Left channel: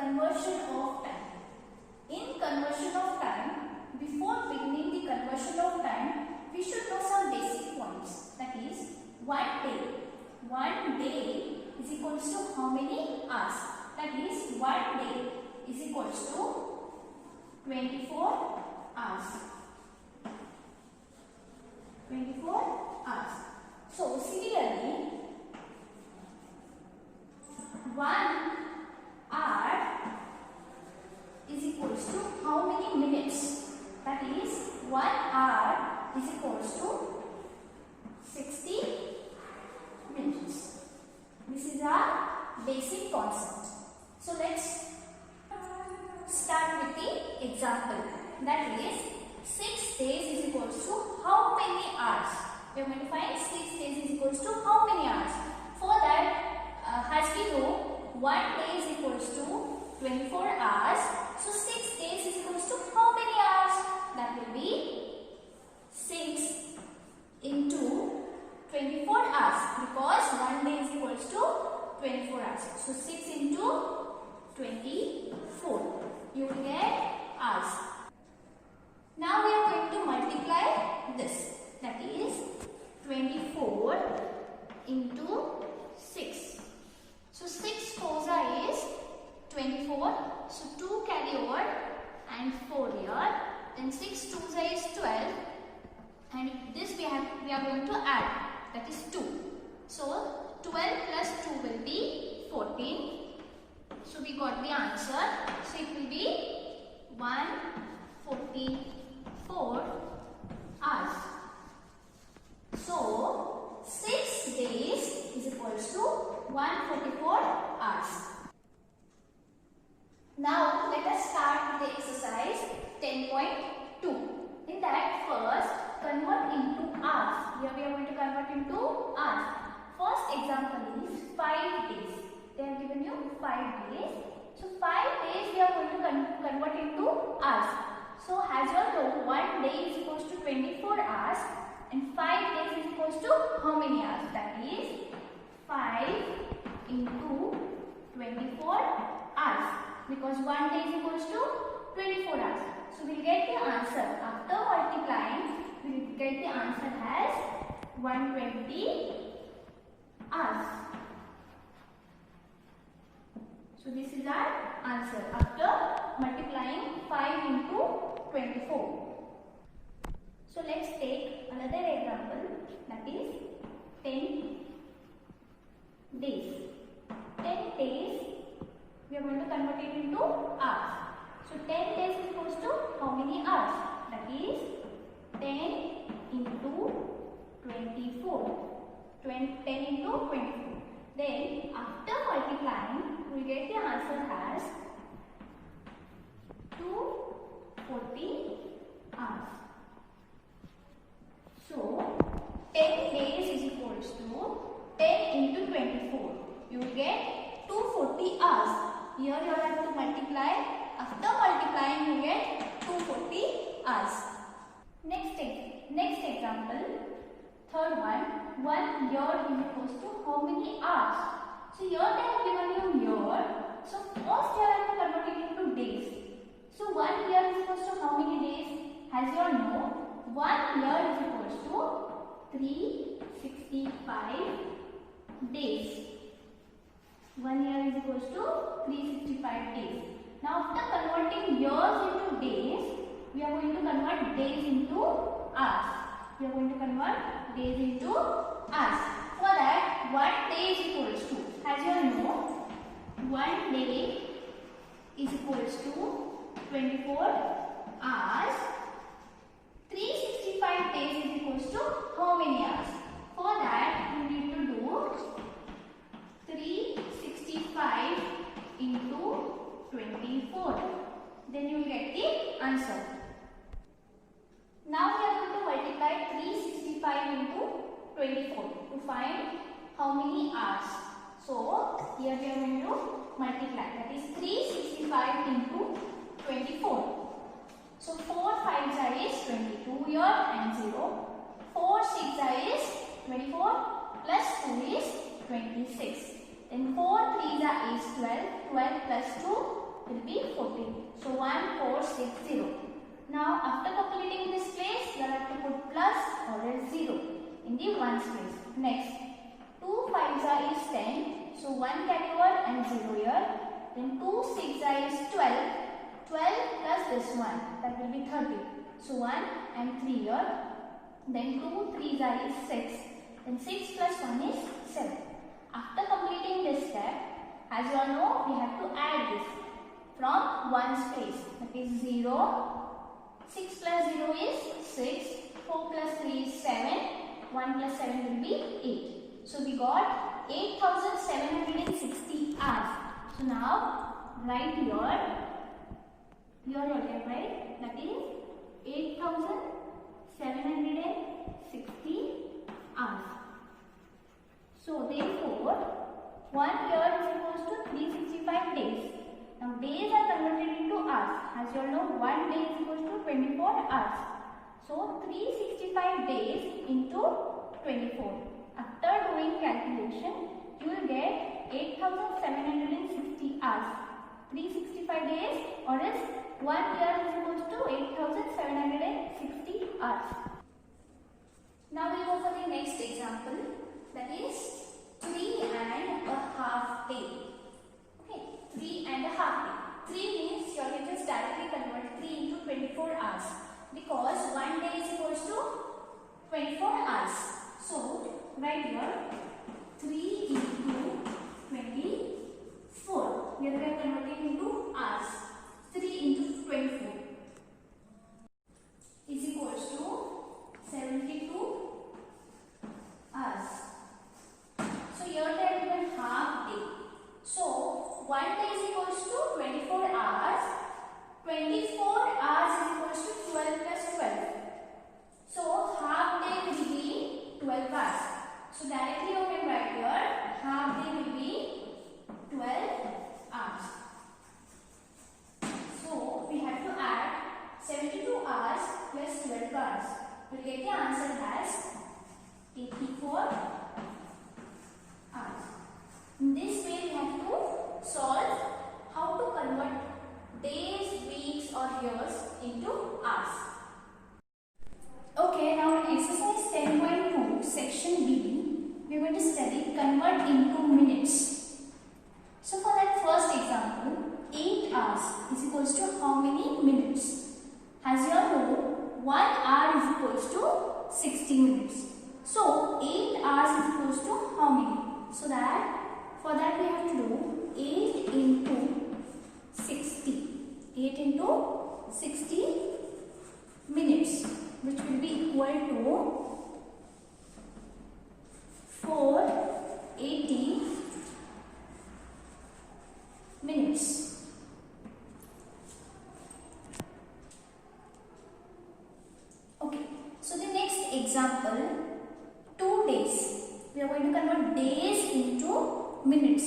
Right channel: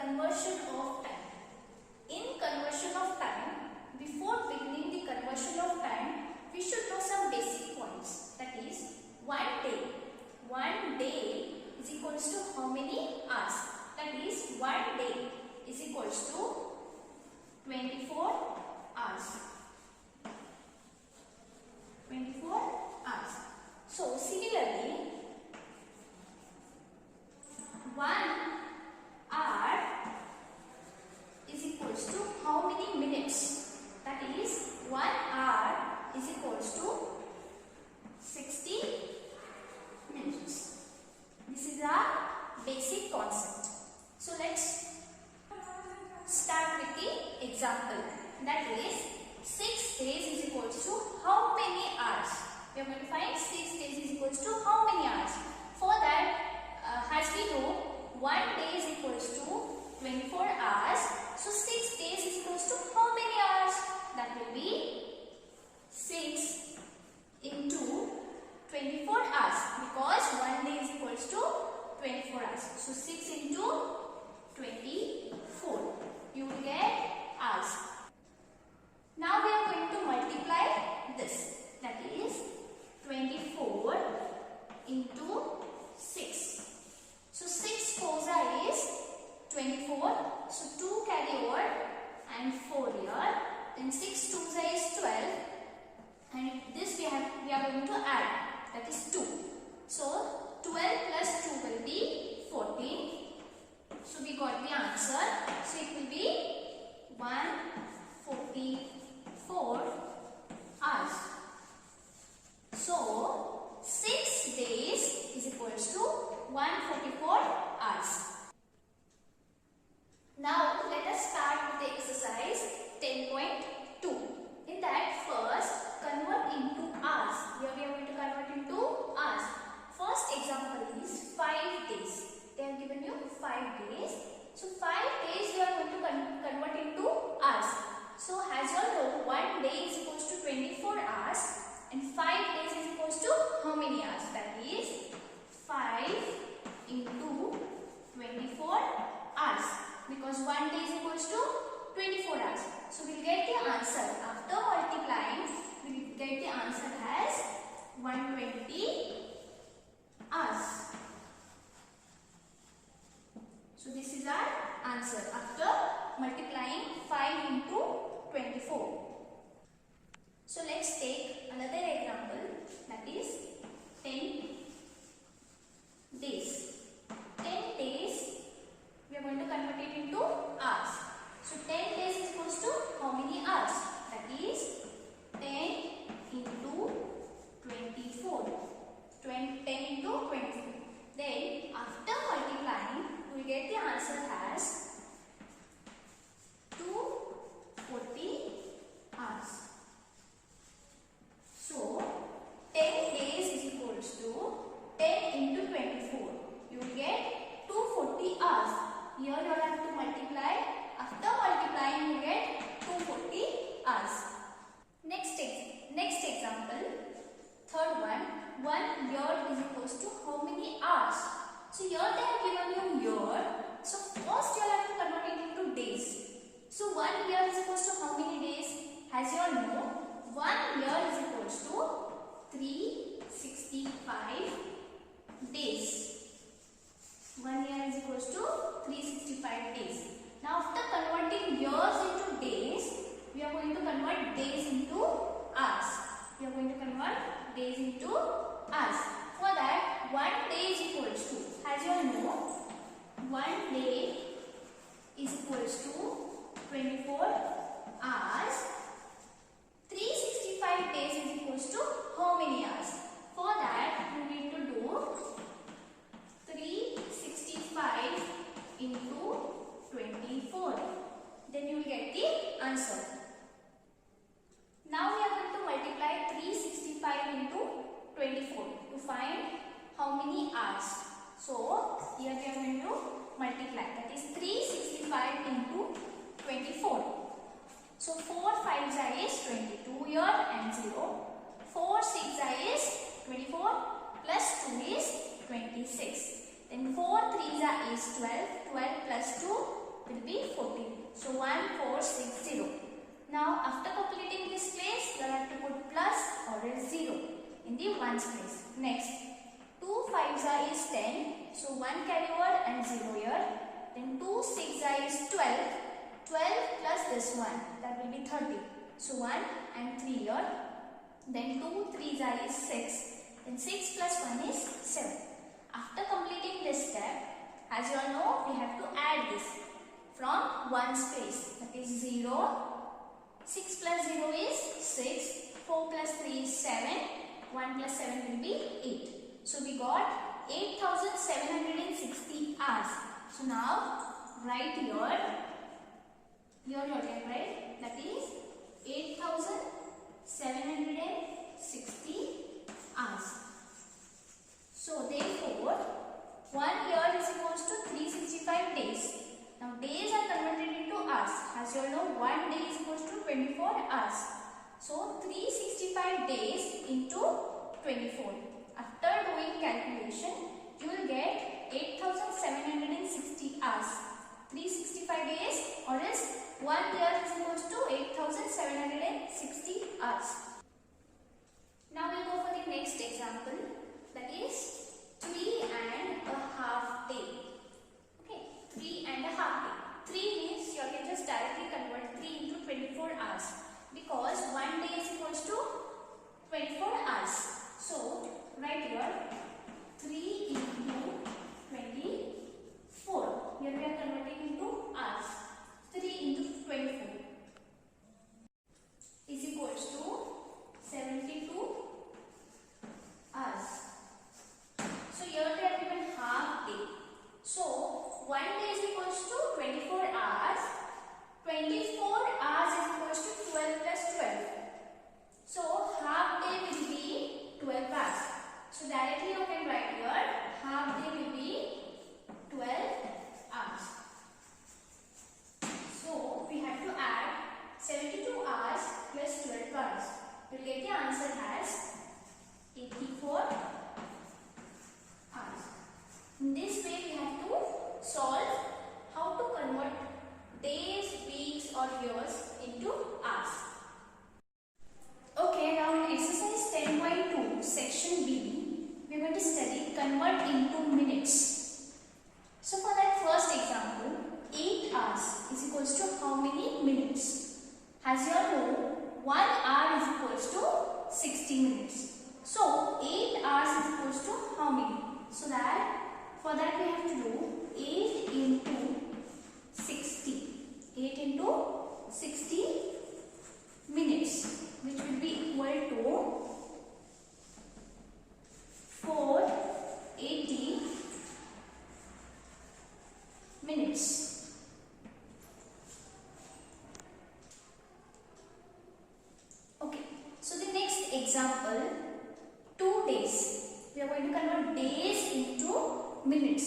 conversion of time. In conversion of time, before beginning the conversion of time, we should know some basic points. That is, 1 day. 1 day is equals to how many hours? That is, 1 day is equals to 24 hours. 24 hours. So, similarly, 1 hour is equals to how many minutes? That is, 1 hour is equals to 60 minutes. This is our basic concept. So, let's start with the example. That is, 6 days is equals to how many hours? We are going to find 6 days is equals to how many hours? For that, as we know, 1 day is equals to 24 hours. So, 6 days is equals to how many hours? That will be 6 into 24 hours, because 1 day is equals to 24 hours. So, 6 into 24. You will get hours. Now, we are going to multiply this. That is 24 into 6. So, 6 fours is 24. So, 2 carry over and 4 here. Then 6 twos is 12. And this we are going to add. That is 2. So, 12 plus 2 will be 14. So, we got the answer. So, it will be 144 hours. So, 6 days is equals to 144 hours. Now, let us start with the exercise 10.2. In that, first, convert into hours. Here we are going to convert into hours. First example is 5 days. They have given you 5 days. So, 5 days we are going to convert into hours. So, as you all know, 1 day is equals to 24 hours and 5 days is equals to how many hours? That is 5 into 24 hours, because 1 day is equals to 24 hours. So, we will get the answer after multiplying. We will get the answer as 120 hours. So, this is our answer after multiplying 5 into 24. So, let's take another example, that is 10 days. 10 days, we are going to convert it into hours. So, 10 days is equals to how many hours? That is 10 into 24. 10 into 24. Then, after multiplying, we get the answer as 240 hours. So, 10 days is equals to 10 into 24. You will get 240 hours. Here you will have to multiply. After multiplying, you get 240 hours. Next example, third one, 1 year is equals to how many hours? So, here they have given you year. So, first you have to convert it into days. So, 1 year is equals to how many days? As you all know, 1 year is equals to 365 days. 1 year is equals to 365 days. Now, after converting years into days, we are going to convert days into hours. We are going to convert days into hours. For that, 1 day is equals to, as you all know, 1 day is equals to 24 hours. 365 days is equals to how many hours? For that, you need to do 365 into 24. Then you will get the answer. Now we are going to multiply 365 into 24 to find how many hours. So, here we are going to multiply. That is 365 into 24. So, 4 5s is 22 here and 0. 4 6 is 24 plus 2 is 26. Then 4 3s is 12. 12 plus 2 will be 14. So 1460. Now after completing this place, you have to put plus or else 0 in the ones place. Next, 2 5s is 10. So 1 carry over and 0 here. Then 2 6s is 12. 12 plus this one, that will be 30. So 1 and 3 here. Then 2 3s is 6. Then 6 plus 1 is 7. After completing this step, as you all know, we have to add this from ones place. That is 0. 6 plus 0 is 6. 4 plus 3 is 7. 1 plus 7 will be 8. So we got 8760 hours. So now write here what you have write, that is 8760 hours. So therefore 1 year is equals to 365 days. Now days are converted into hours. As you all know, 1 day is equals to 24 hours. So 365 days into 24. After doing calculation, you will get 8760 hours. 365 days or else 1 year is equals to 8760 hours. Now we will go for the next example, that is 3.5 days. Okay, 3.5 days. 3 means you can just directly convert 3 into 24 hours because 1 day is equals to 24 hours. So right here 3 into 24. Here we are converting into hours. 3 into 24 is equals to 72 hours. So here they have given half day. So 1 day is equals to 24 hours. 24 hours is equals to 12 plus 12. So half day will be 12 hours. So directly you can write here half day will be 12 hours. So we have to add 72 hours plus 12 hours. You will get the answer as 84 hours. In this way we have to solve how to convert days, weeks or years into hours. Okay, now in exercise 10.2 section B, we are going to study convert into minutes. So for that first example, 8 hours is equals to how many minutes? As you all know, 1 hour is equals to 60 minutes. So 8 hours is equals to how many? So that for that we have to do 8 into 60. 8 into 60 minutes, which will be equal to 480 minutes. Okay, so the next example, 2 days. We are going to convert days into minutes.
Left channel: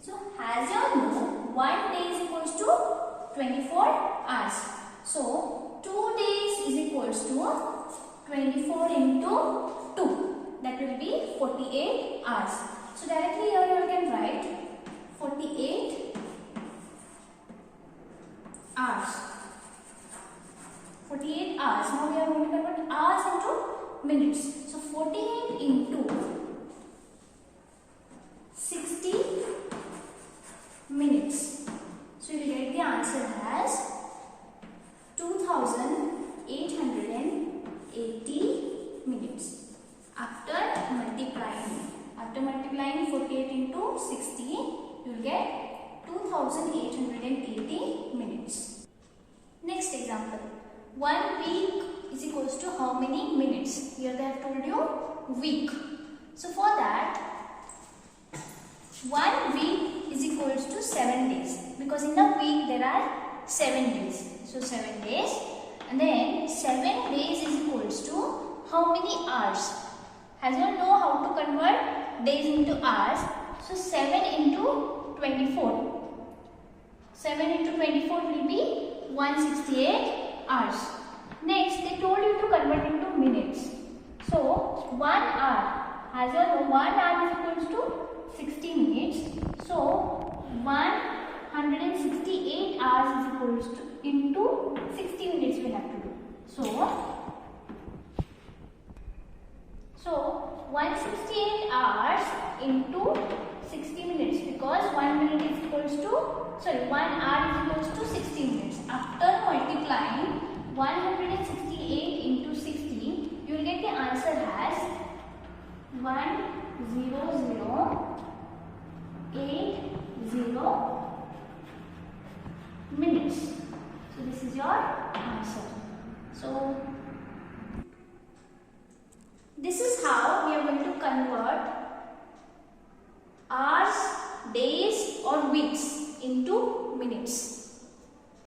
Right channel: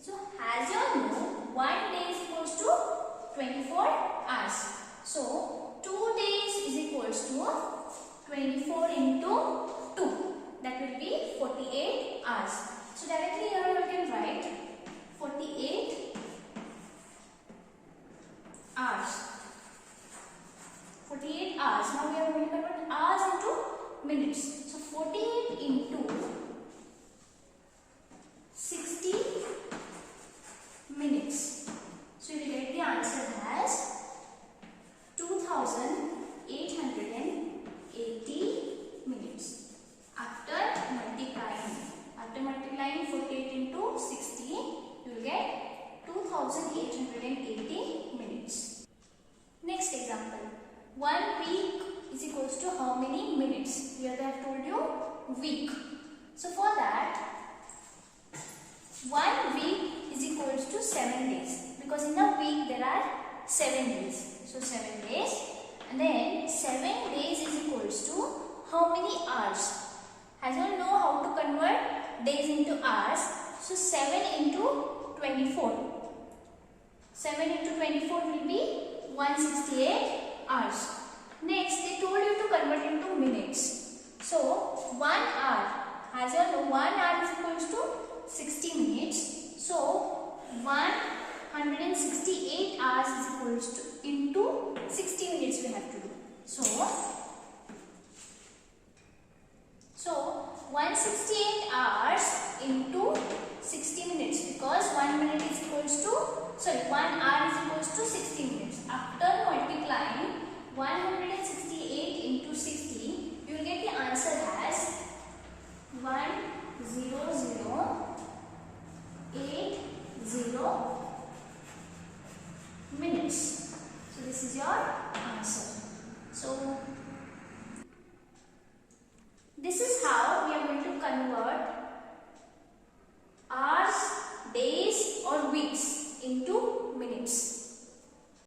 So as you all know, 1 day is equals to 24 hours. So 2 days is equals to 24 into 2. That will be 48 hours. So directly here you can write 48 hours. 48 hours. Now we are going to convert hours into minutes. So 48 into 60 minutes. So you will get the answer as 2880 minutes. After multiplying 48 into 60, you will get 2880 minutes. Next example, 1 week is equals to how many minutes? Here they have told you week. So for that, 1 week is equals to 7 days because in a week there are 7 days. So 7 days, and then 7 days is equals to how many hours? As you all know how to convert days into hours. So 7 into 24. 7 into 24 will be 168 hours. Next, they told you to convert into minutes. So 1 hour, as you all know, 1 hour is equals to 60 minutes. So 1 168 hours is equals to into 60 minutes we have to do. So 168 hours into 60 minutes, because 1 minute is equals to 1 hour is equals to 60 minutes. After multiplying 168 into 60, you will get the answer as 10080 minutes. So this is your answer. So this is how we are going to convert hours, days or weeks into minutes.